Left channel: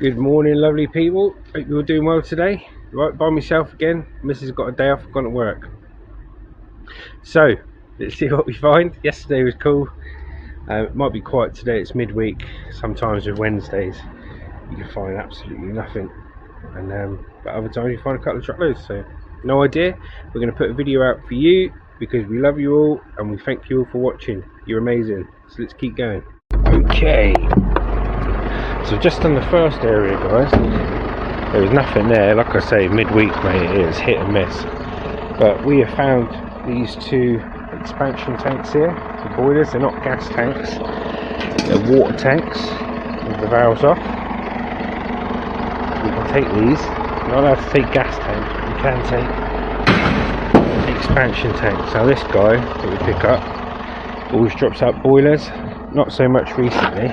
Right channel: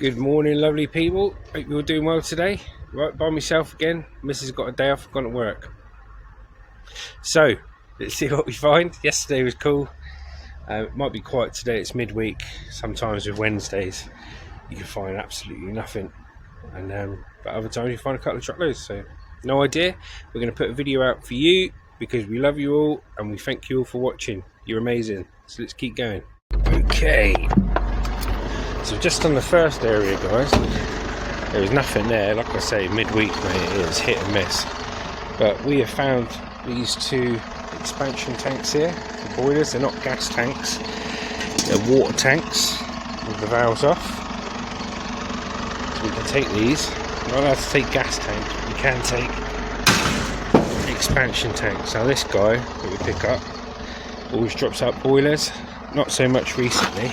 Good morning, lovely people. Hope you're doing well today. Right, by myself again. Mrs. got a day off, gone to work. So, let's see what we find. Yesterday was cool. It might be quiet today, it's midweek. Sometimes with Wednesdays, you can find absolutely nothing. And but other times you find a couple of truckloads, so no idea. We're going to put a video out for you because we love you all and we thank you all for watching. You're amazing. So let's keep going. Okay. So just on the first area, guys, there was nothing there. Like I say, midweek, mate, it is hit and miss. But we have found these two expansion tanks here for boilers. They're not gas tanks, they're water tanks with the valves off. So we can take these. We're not allowed to take gas tanks, but we can take expansion tanks. Now this guy that we pick up always drops out boilers, not so much recently.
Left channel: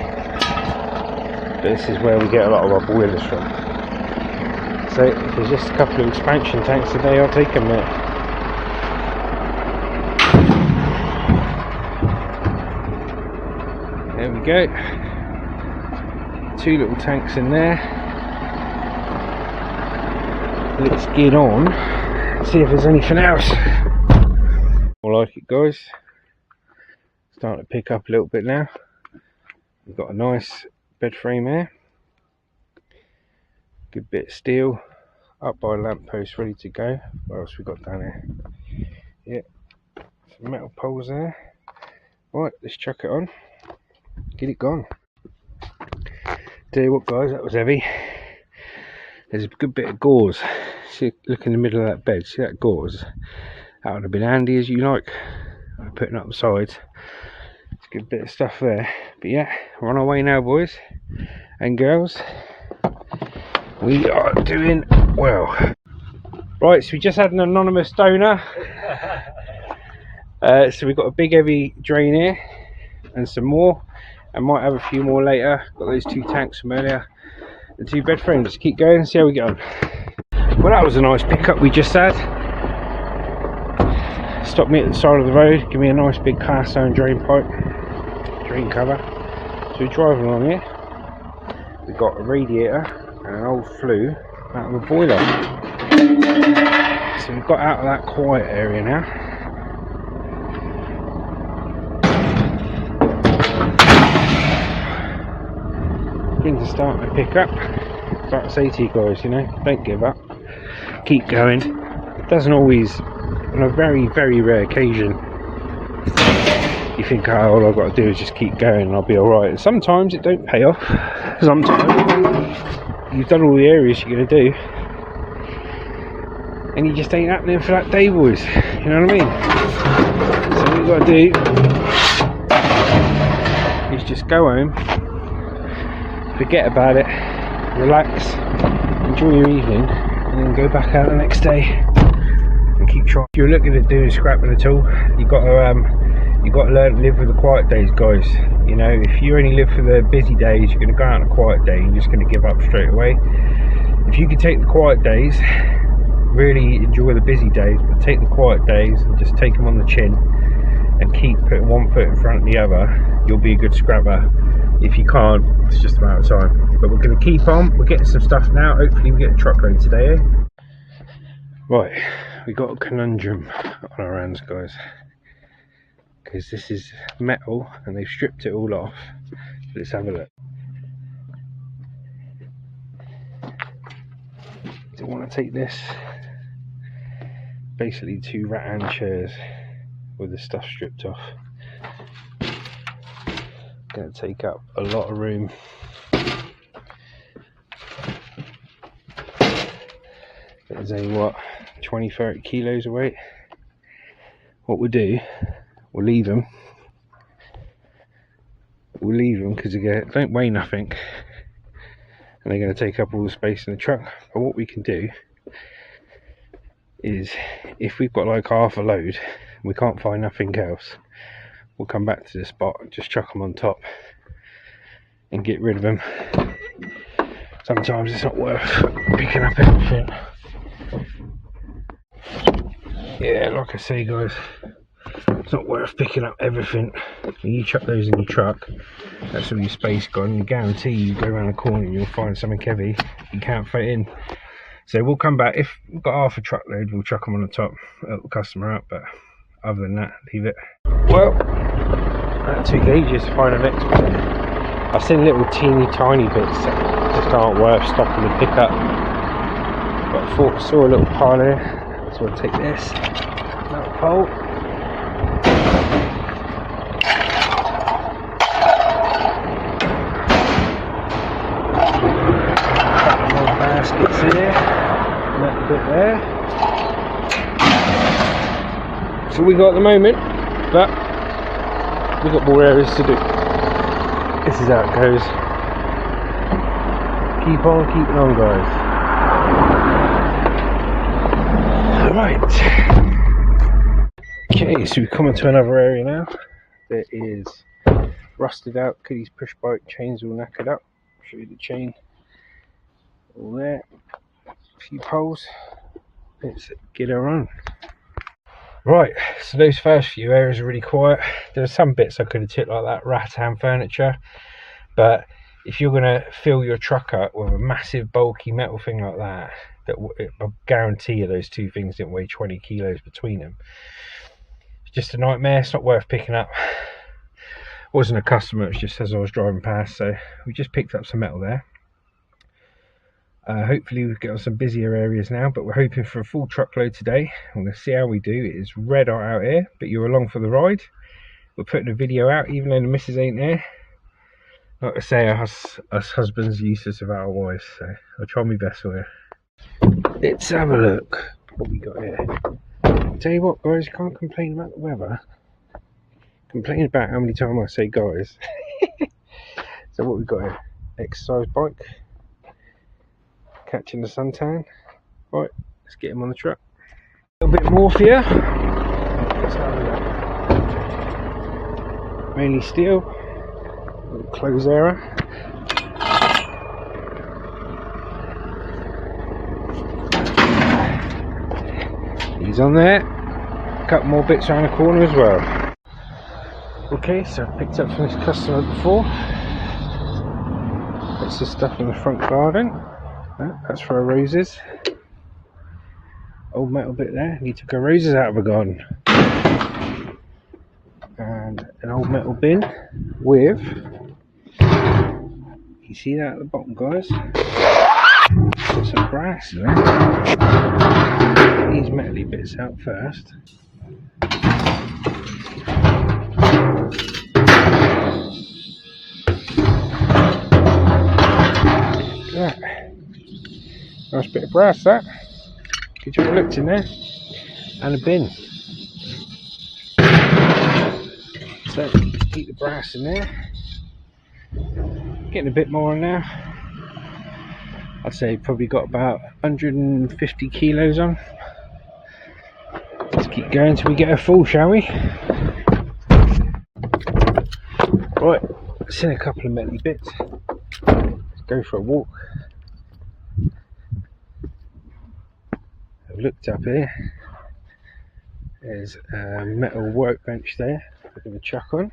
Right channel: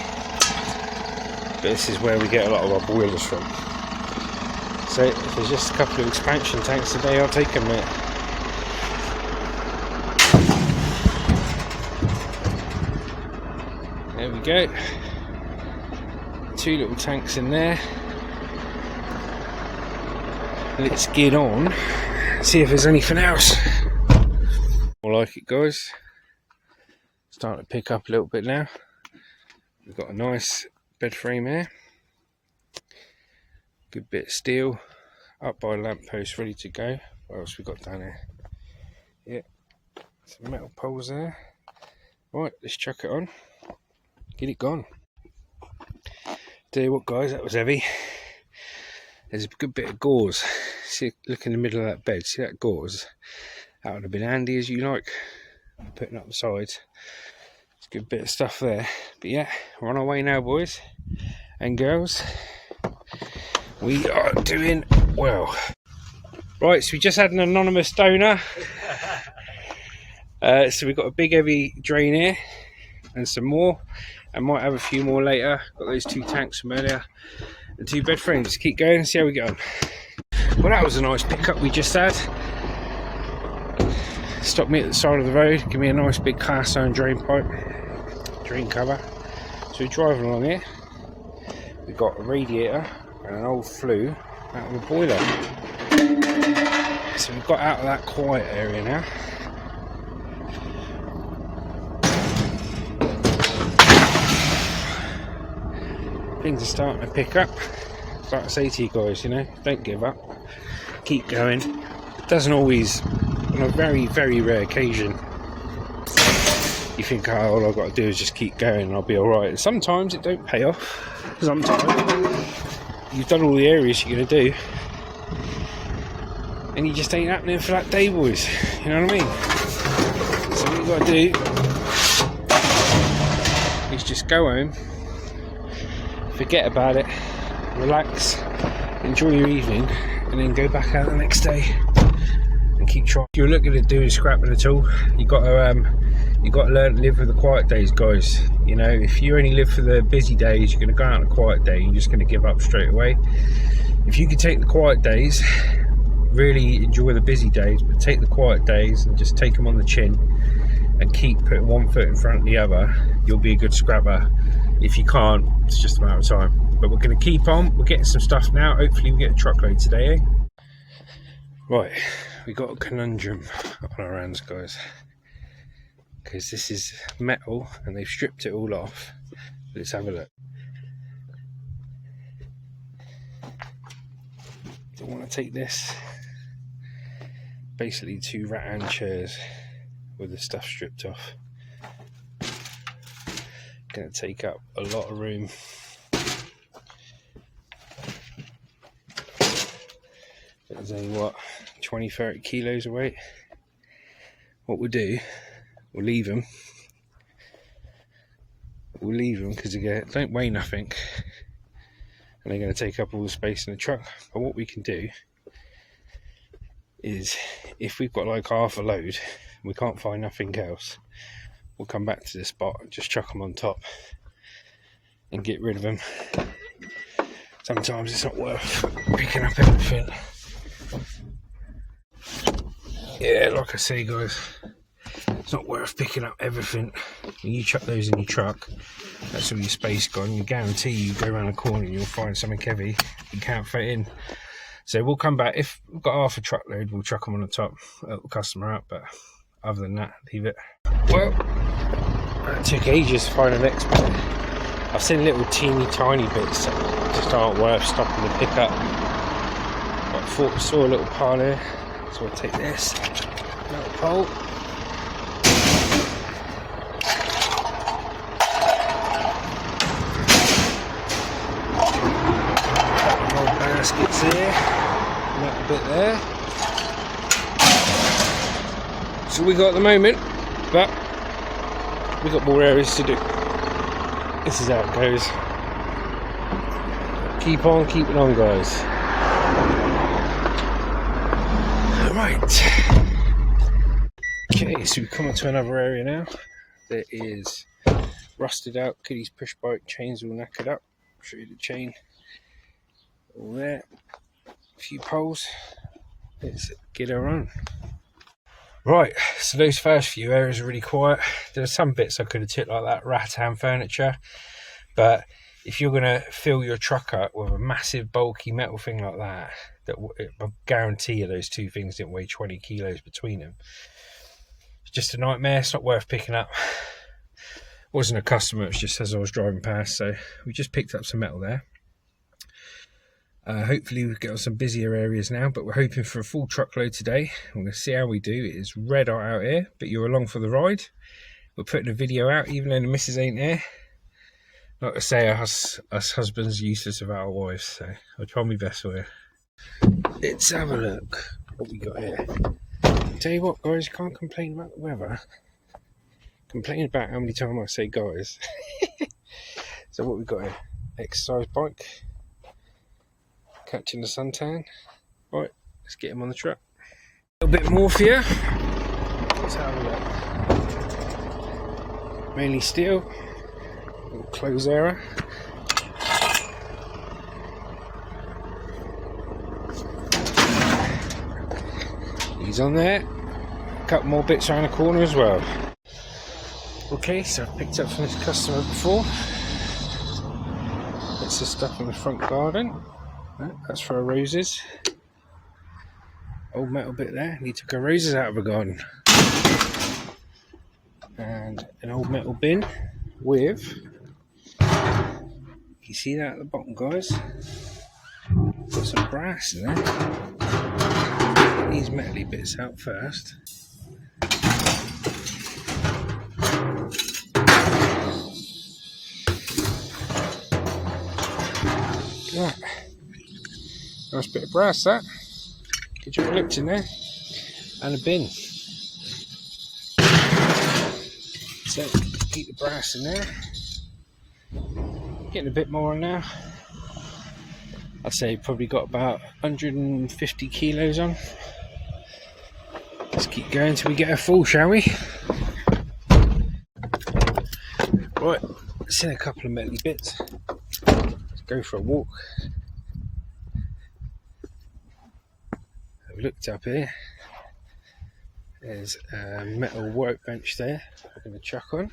This is where we get a lot of our boilers from. So if there's just a couple of expansion tanks today, I'll take them, mate. There we go. Two little tanks in there. Let's get on, see if there's anything else. I like it, guys. Starting to pick up a little bit now. We've got a nice bed frame here, good bit of steel, up by a lamp post, ready to go. What else we got down here? Yeah, some metal poles there. Right, let's chuck it on, get it gone. Tell you what, guys, that was heavy. There's a good bit of gauze. See, look in the middle of that bed, see that gauze? That would have been handy as you like. Putting it up the sides. It's a good bit of stuff there. But yeah, we're on our way now, boys and girls. We are doing well. Right, so we just had an anonymous donor. So we've got a big heavy drain here and some more, and might have a few more later. Got those two tanks from earlier, the two bed frames. Keep going and see how we get on. Well, that was a nice pickup we just had. Stopped me at the side of the road, give me a nice big cast iron drain pipe, drain cover. So we're driving along here. We've got a radiator and an old flue out of a boiler. So we've got out of that quiet area now. Things are starting to pick up. Like I say to you guys, you know, don't give up. Keep going. It doesn't always, on a very, very rare occasion, you think, oh, all I've got to do is just keep going and I'll be alright. And sometimes it don't pay off. Sometimes you've done all the areas you're going to do and you just ain't happening for that day, boys. You know what I mean? So what you've got to do is just go home, forget about it, relax, enjoy your evening, and then go back out the next day and keep trying. If you're looking at doing scrapping at all, you've got to learn to live with the quiet days, guys. You know, if you only live for the busy days, you're going to go out on a quiet day, you're just going to give up straight away. If you can take the quiet days, really enjoy the busy days, but take the quiet days and just take them on the chin and keep putting one foot in front of the other, you'll be a good scrapper. If you can't, it's just a matter of time. But we're going to keep on. We're getting some stuff now. Hopefully we get a truckload today, eh? Right, we got a conundrum on our hands, guys, because this is metal and they've stripped it all off. Let's have a look. Don't want to take this. Basically two rattan chairs with the stuff stripped off. Going to take up a lot of room. There's only what, 20-30 kilos of weight. What we'll do, we'll leave them because they don't weigh nothing and they're going to take up all the space in the truck. But what we can do is, if we've got like half a load, we can't find nothing else, we'll come back to this spot and just chuck them on top and get rid of them. Sometimes it's not worth picking up everything. Yeah, like I say, guys, It's not worth picking up everything. When you chuck those in your truck, that's all your space gone. You guarantee you go around a corner and you'll find something heavy you can't fit in. So we'll come back. If we've got half a truckload, we'll chuck them on the top, help the customer out, but other than that, leave it. Well, that took ages to find an expert. I've seen little teeny tiny bits that just aren't worth stopping to pick up. But I thought I saw a little pile here, so I'll take this that pole. Baskets here, a little bit there. So we got at the moment, but we've got more areas to do. This is how it goes. Keep on keeping on, guys. Alright. Okay, so we've come into another area now. There is rusted out Kitty's push bike, chains all knackered up. Show you the chain. All there. A few poles. Let's get her on. Right, so those first few areas are really quiet. There are some bits I could have took like that rattan furniture, but if you're going to fill your truck up with a massive bulky metal thing like that, I guarantee you those two things didn't weigh 20 kilos between them. It's just a nightmare. It's not worth picking up. It wasn't a customer, it was just as I was driving past, so we just picked up some metal there. Hopefully we'll get on some busier areas now, but we're hoping for a full truckload today. I'm going to see how we do. It is red hot out here, but you're along for the ride. We're putting a video out even though the missus ain't there. Like I say, us husbands are useless without our wives, so I'll try my best for you. Let's have a look what we got here. Tell you what, guys, you can't complain about the weather. Complain about how many times I say guys. So what we got here? Exercise bike. Catching the suntan. Right, let's get him on the truck. A little bit more for you. Mainly steel. Little close error. He's on there. A couple more bits around the corner as well. Okay, so I've picked up from this customer before. That's the stuff in the front garden. That's for our roses. Old metal bit there. He took our roses out of the garden. And an old metal bin with, you see that at the bottom, guys? Got some brass in there. Get these metally bits out first. Yeah. Nice bit of brass, that. Good job looked in there. And a bin. So keep the brass in there. Getting a bit more on now. I'd say probably got about 150 kilos on. Let's keep going till we get her full, shall we? Right, seen a couple of metally bits. Let's go for a walk. I've looked up here. There's a metal workbench there we're going to chuck on.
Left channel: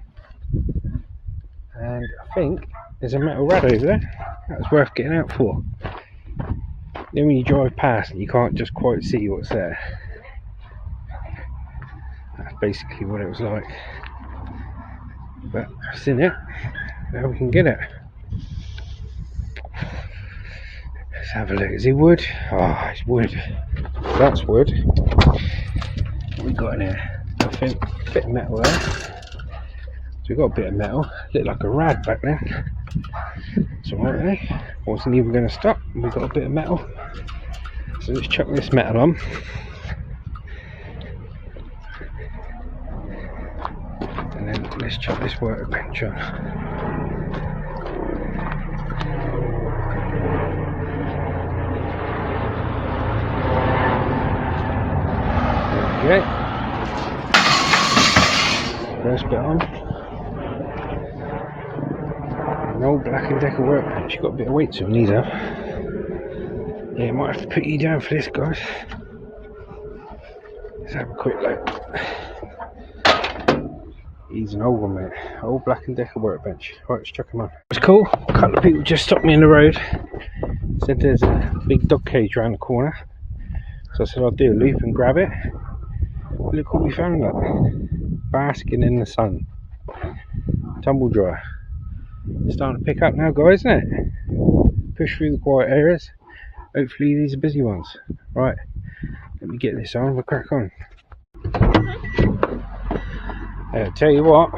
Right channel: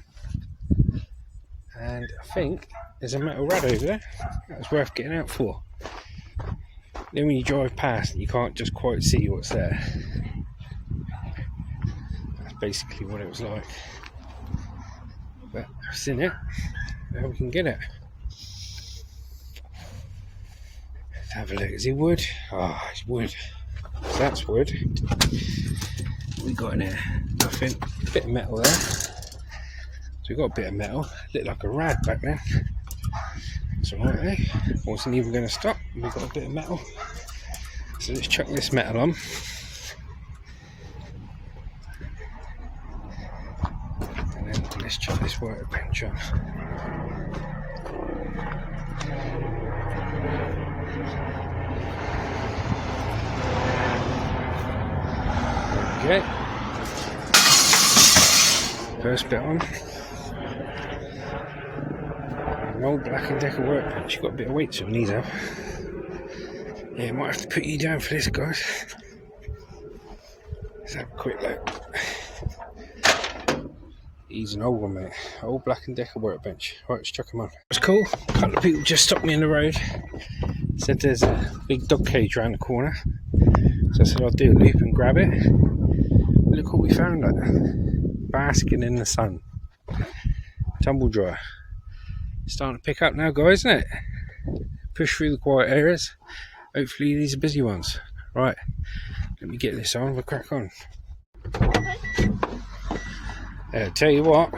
And I think there's a metal rad over there. That was worth getting out for. Then when you drive past and you can't just quite see what's there. That's basically what it was like. But I've seen it. Now we can get it. Let's have a look. Is it wood? Oh, it's wood. So that's wood. What we got in here? Nothing. A bit of metal there. So we've got a bit of metal. Looked like a rad back there. It's alright there. Wasn't even going to stop. We've got a bit of metal. So let's chuck this metal on. And then let's chuck this workbench on. There we go. First bit on. An old Black & Decker workbench. Got a bit of weight to these up. Yeah, might have to put you down for this, guys. Let's have a quick look. He's an old one, mate. Old Black & Decker workbench. Right, let's chuck him on. It's cool. A couple of people just stopped me in the road. Said there's a big dog cage around the corner. So I said I'll do a loop and grab it. Look what we found at. Basking in the sun. Tumble dryer. Starting to pick up now, guys, isn't it? Push through the quiet areas. Hopefully these are busy ones. Right, let me get this on. We'll crack on. I'll tell you what,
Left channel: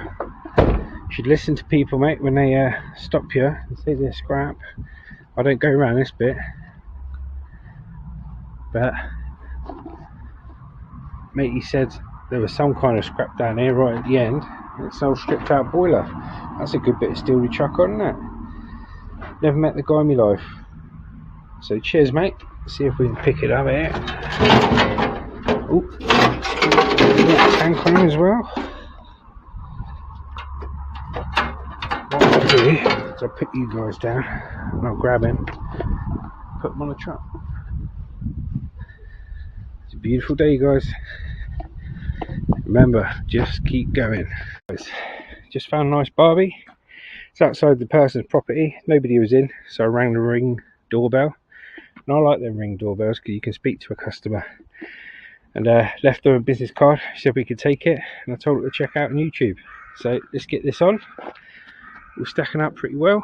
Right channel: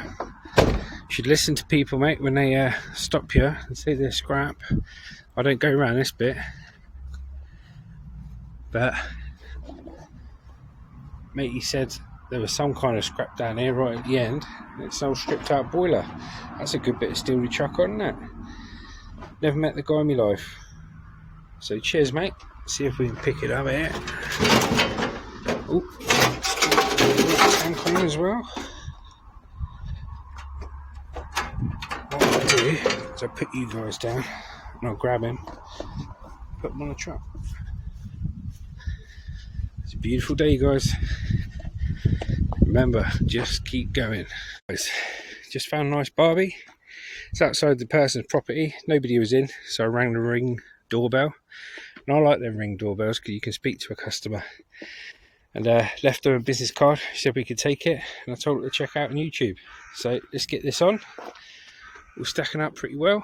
you should listen to people, mate, when they stop you and say they're scrap. I don't go around this bit, but mate, he said there was some kind of scrap down here right at the end. It's an old stripped out boiler. That's a good bit of steel to chuck on, isn't it? Never met the guy in my life. So cheers, mate. See if we can pick it up here. Oh, tank on him as well. What I'll do is I'll put you guys down and I'll grab him, put him on the truck. It's a beautiful day, guys. Remember, just keep going. Guys, just found a nice Barbie. It's outside the person's property. Nobody was in, so I rang the Ring doorbell. And I like them Ring doorbells because you can speak to a customer. And left her a business card. She said we could take it, and I told her to check out on YouTube. So let's get this on. We're stacking up pretty well.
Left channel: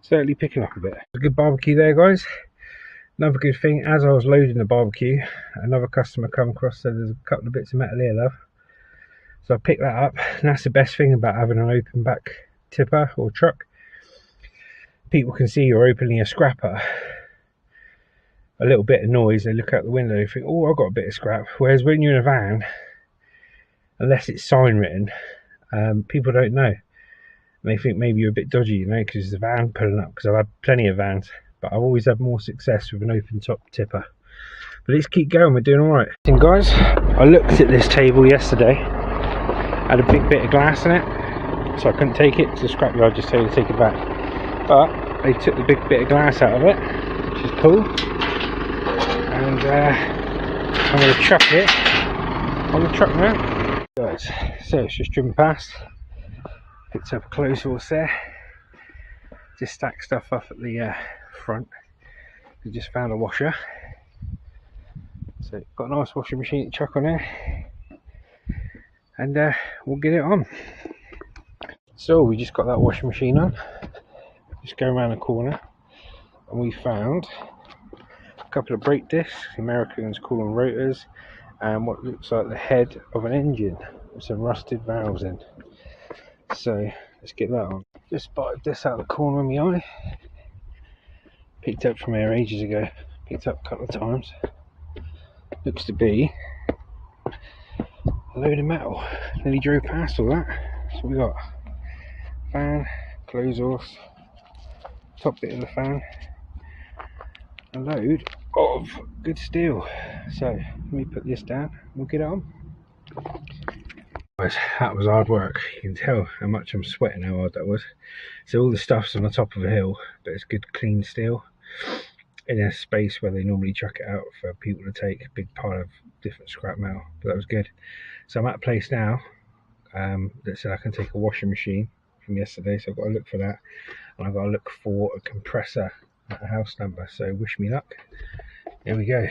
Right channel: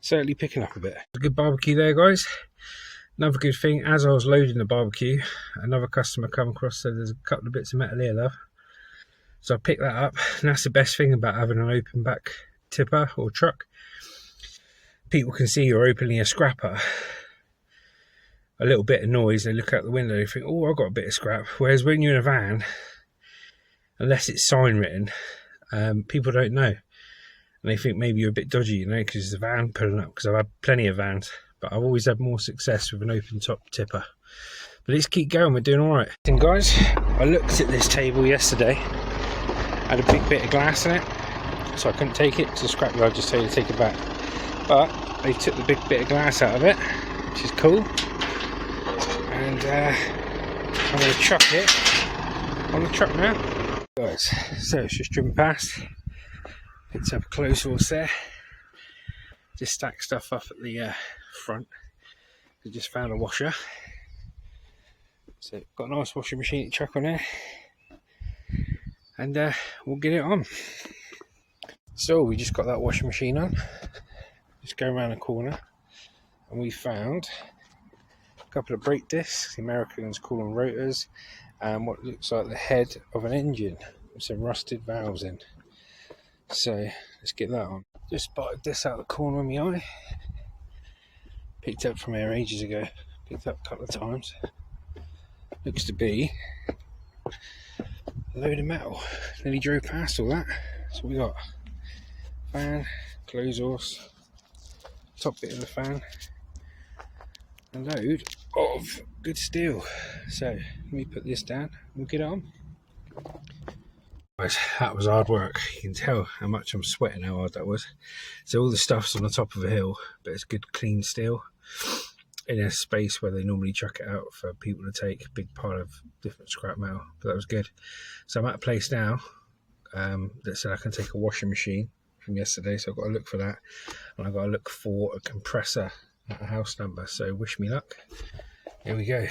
Certainly picking up a bit. A good barbecue there, guys. Another good thing, as I was loading the barbecue, another customer come across, said there's a couple of bits of metal here, love. So I picked that up, and that's the best thing about having an open back tipper or truck. People can see you're opening a scrapper. A little bit of noise, they look out the window, they think, oh, I've got a bit of scrap. Whereas when you're in a van, unless it's sign written, people don't know. And they think maybe you're a bit dodgy, you know, because the van pulling up, because I've had plenty of vans. But I've always had more success with an open top tipper. But let's keep going, we're doing alright. And guys, I looked at this table yesterday. Had a big bit of glass in it, so I couldn't take it, so the scrapyard just told me to take it back. But they took the big bit of glass out of it, which is cool. And I'm going to chuck it on the truck now. Guys, so it's just driven past. Picked up a clothes horse there. Just stacked stuff up at the front. We just found a washer. So got a nice washing machine to chuck on there. And we'll get it on. So we just got that washing machine on. Just go around the corner and we found a couple of brake discs, the Americans call them rotors, and what looks like the head of an engine with some rusted valves in. So let's get that on. Just spotted this out of the corner of my eye. Picked up from here ages ago. Picked up a couple of times. Looks to be a load of metal. Nearly drove past all that. So we got fan, clothes horse, top bit of the fan, a load of good steel. So let me put this down and we'll get it on. Guys, that was hard work. You can tell how much I'm sweating, how hard that was. So all the stuff's on the top of a hill, but it's good clean steel in a space where they normally chuck it out for people to take a big pile of different scrap metal. But that was good. So I'm at a place now that said I can take a washing machine from yesterday, so I've got to look for that, and I've got to look for a compressor at a house number. So wish me luck. Here we go.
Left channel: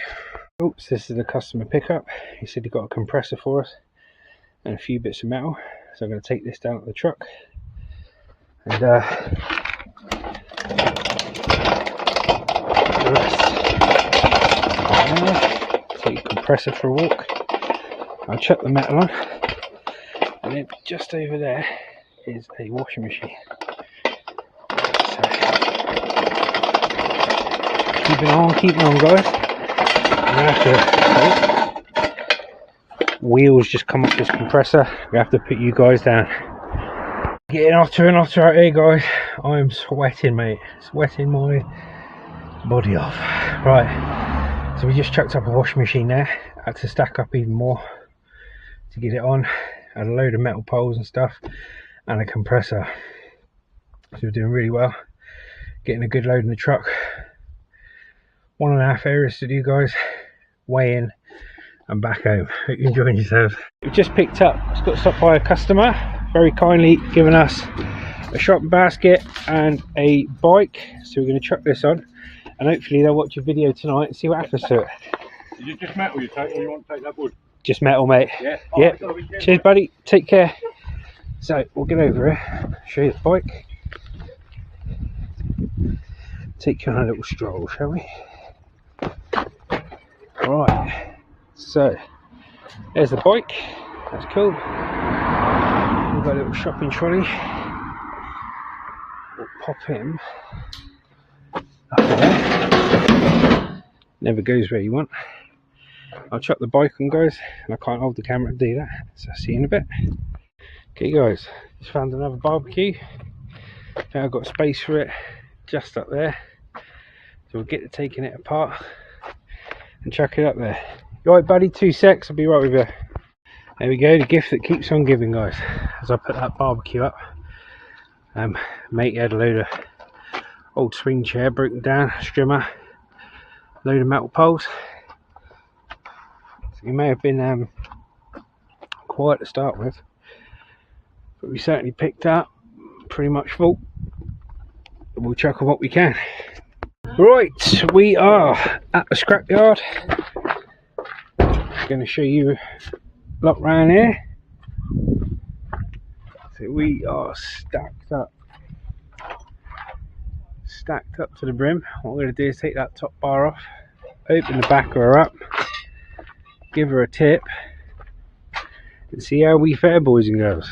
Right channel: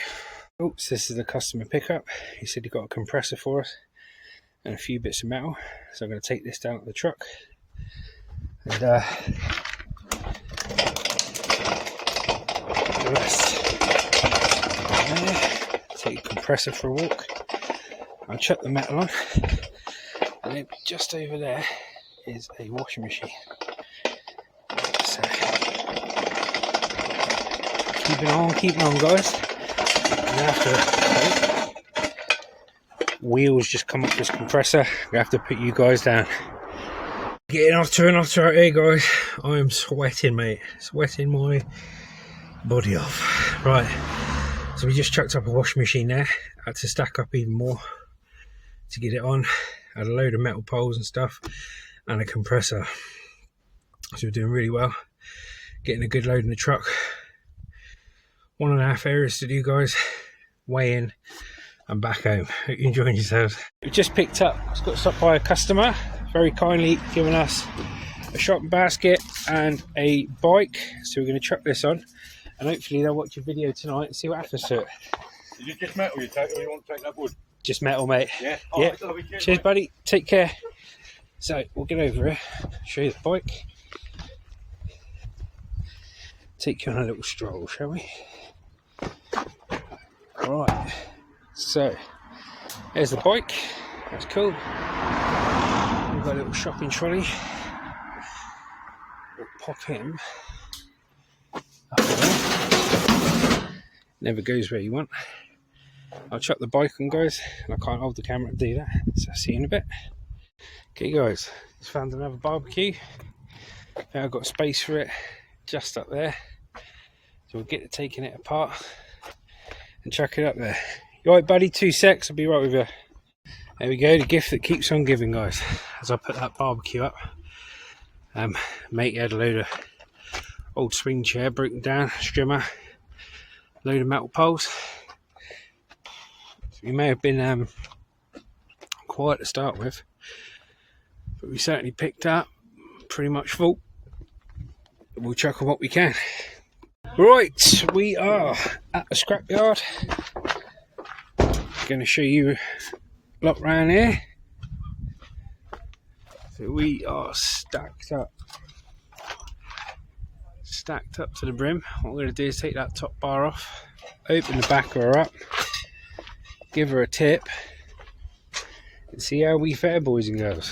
Oops, this is the customer pickup. He said he got a compressor for us and a few bits of metal, so I'm going to take this down to the truck and take the compressor for a walk. I'll chuck the metal on, and then just over there is a washing machine. So keeping on, guys. I'm gonna have to. Wheels just come off this compressor. We have to put you guys down. Getting hotter and hotter out here, guys. I am sweating, mate. Sweating my body off. Right, so we just chucked up a washing machine there. Had to stack up even more to get it on. Had a load of metal poles and stuff, and a compressor. So we're doing really well. Getting a good load in the truck. 1.5 areas to do, guys. Weigh in, I'm back home. Hope you're enjoying yourselves. We've just picked up, it's got stopped by a customer, very kindly given us a shopping basket and a bike. So we're going to chuck this on and hopefully they'll watch a video tonight and see what happens to it. Is it just metal you take, or you want to take that wood? Just metal, mate. Yeah. Yeah. Cheers, buddy. Take care. So we'll get over here, show you the bike. Take you on a little stroll, shall we? Right. So there's the bike. That's cool. We've got a little shopping trolley. We'll pop him up there. Never goes where you want. I'll chuck the bike on, guys, and I can't hold the camera to do that, so I'll see you in a bit. Okay guys, just found another barbecue. Now I've got space for it just up there, so we'll get to taking it apart and chuck it up there. You alright, buddy? 2 secs, I'll be right with you. There we go, the gift that keeps on giving, guys. As I put that barbecue up, mate had a load of old swing chair broken down, strimmer, load of metal poles. So we may have been quiet to start with, but we certainly picked up pretty much full. We'll chuck on what we can. Right, we are at the scrapyard. Going to show you a lot round here. So we are stacked up to the brim. What we're going to do is take that top bar off, open the back of her up, give her a tip, and see how we fare, boys and girls.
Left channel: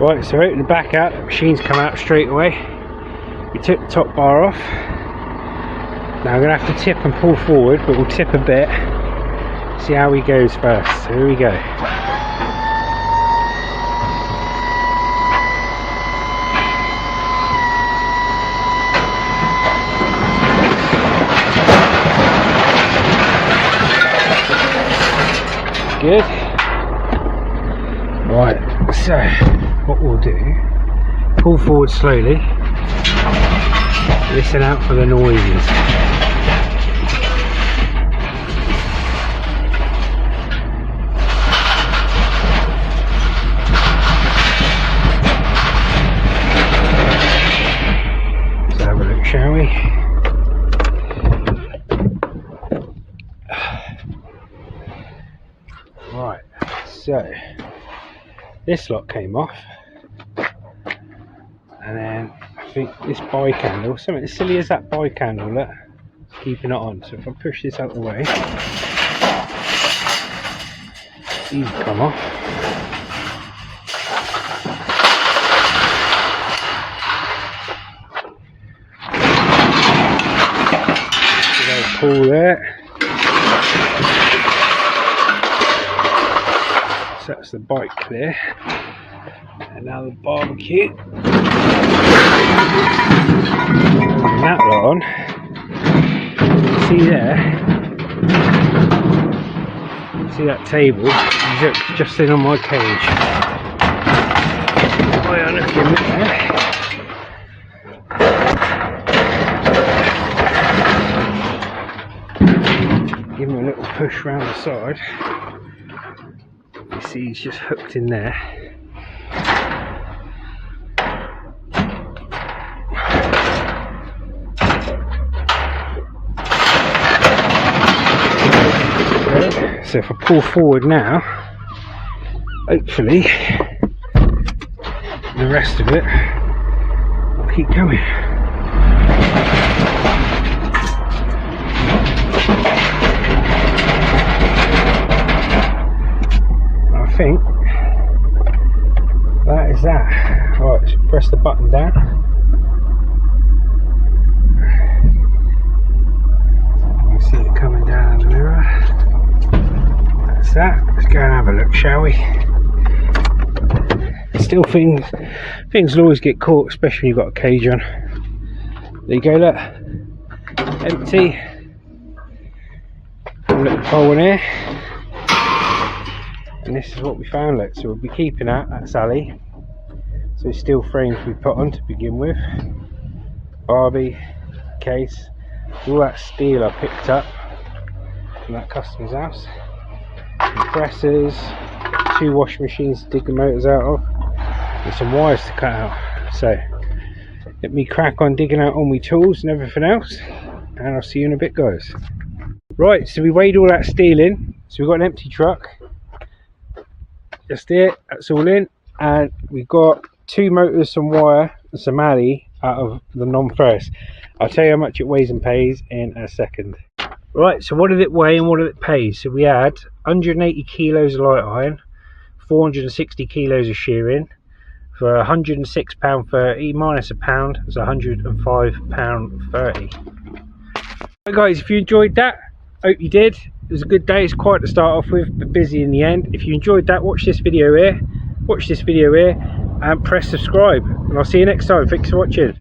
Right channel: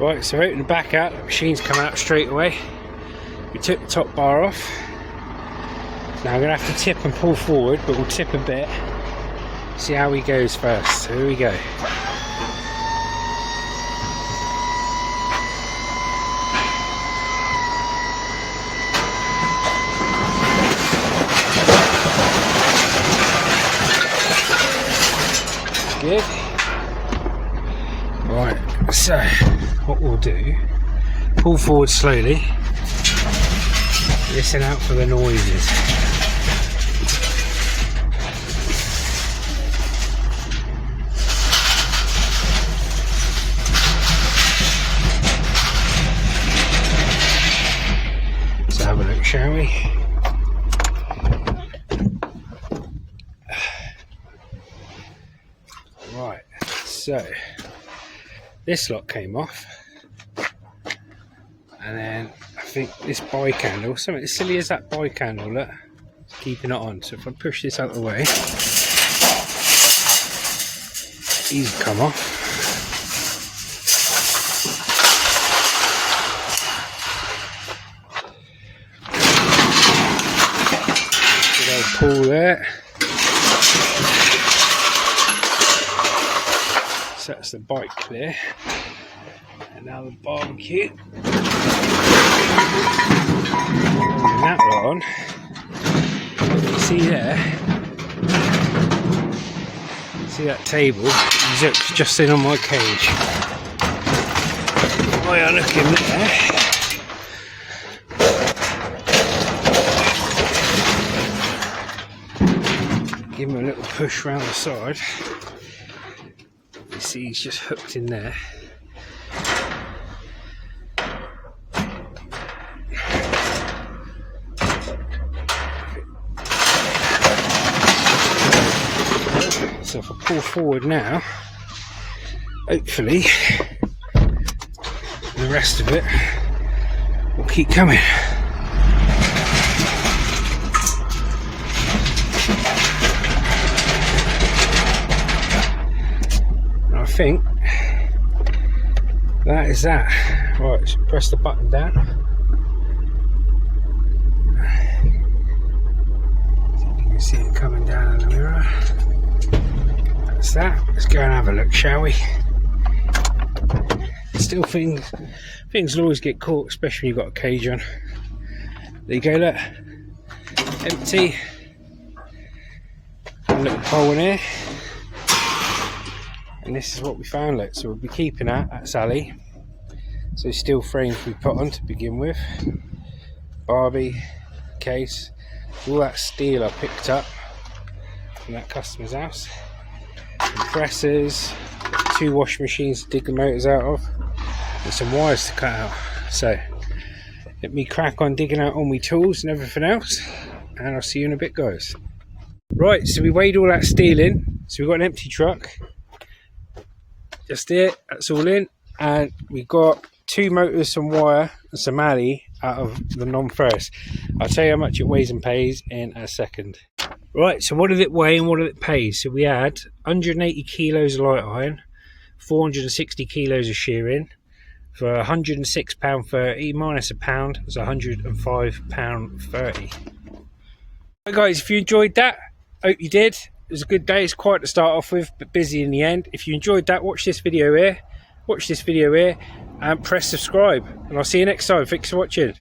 Right, so open the back out, the machine's come out straight away. We took the top bar off. Now I'm going to have to tip and pull forward, but we'll tip a bit, see how he goes first. So here we go. Good. Right, so what we'll do, pull forward slowly, listen out for the noises. Let's have a look, shall we? Right, so this lot came off, and then I think this bike handle, something as silly as that bike handle, look, keeping it on. So if I push this out of the way, these come off. Pull there. So that's the bike clear. And now the barbecue. And that lot on. See there? See that table? It's just sitting on my cage. While I look in there. Give him a little push around the side. You see he's just hooked in there. So if I pull forward now, hopefully the rest of it will keep coming. I think that is that. Right, so press the button down. You can see it coming down in the mirror. That's that. Let's go and have a look, shall we? Still things will always get caught, especially when you've got a cage on. There you go, look. Empty. A little hole in here. And this is what we found, look. So we'll be keeping that, that's Ali. So steel frames we put on to begin with. Barbie, case. All that steel I picked up from that customer's house. Compressors, 2 washing machines to dig the motors out of, and some wires to cut out. So let me crack on digging out all my tools and everything else, and I'll see you in a bit, guys. Right, so we weighed all that steel in, so we've got an empty truck just here, that's all in, and we've got 2 motors, some wire and some alley out of the non-ferrous. I'll tell you how much it weighs and pays in a second. Right, so what did it weigh and what did it pay? So we had 180 kilos of light iron, 460 kilos of shearing for £106.30 minus a pound. It's £105.30. Right, guys, if you enjoyed that, hope you did. It was a good day. It's quiet to start off with, but busy in the end. If you enjoyed that, watch this video here, and press subscribe, and I'll see you next time. Thanks for watching.